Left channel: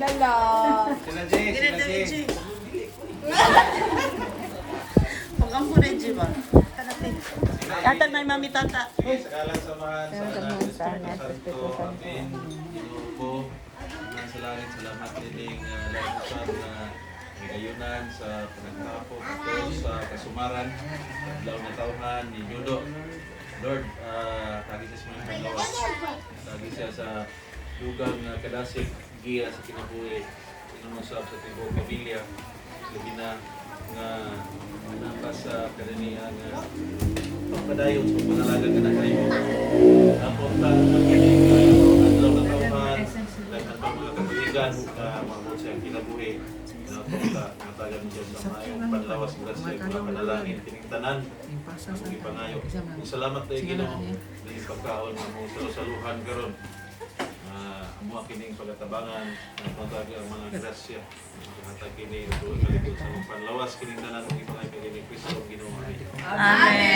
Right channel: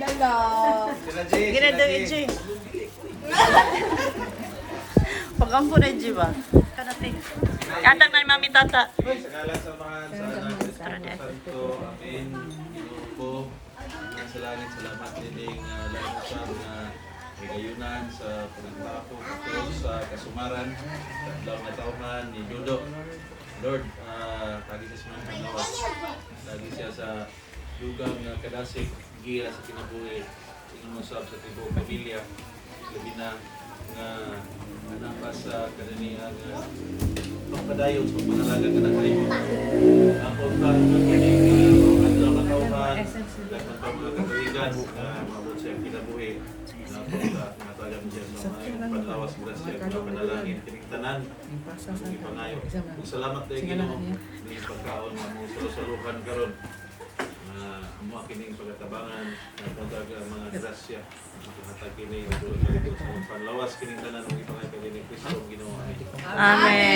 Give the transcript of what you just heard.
dala. Ginadaw Iji. Pag-ampo na Iji ba? Karating. Katang na Mami Tata. Sige, sa kalang samahan sa anak, Espiritu Santo, Amen. Ginoo ko, ang sa langit, salamat nining lahat na kagayunan sa panagtapo ito sa kasumaran, adlaw na tauhan ni Judo. Lord, tagi siya sa mga kanawas, tagi siya sa lugang kadasig, giya sa kinabuhi, inumusab sa tibok pamilya, labi na nga anak sa karanihan pagpadayon sa panalagan ka na kayo. Ang punta sa kining adlaw na tauhan, dapat pa mga katuligan, maabot siyang kinabuhi, na punta, matagan siya sa mayong panlawas, grasya, mga panalangin, kiniktanan, ang ipangayo. Salamat tayo Ginoo, di pagkaon na mo salusaluhan karon. Amo kining pagatabangan, nagpunta ang mga grasya, makahatag kini sa panlawas, kining tanan ng ipangayo kay ni Kristo Ginoo. Amen.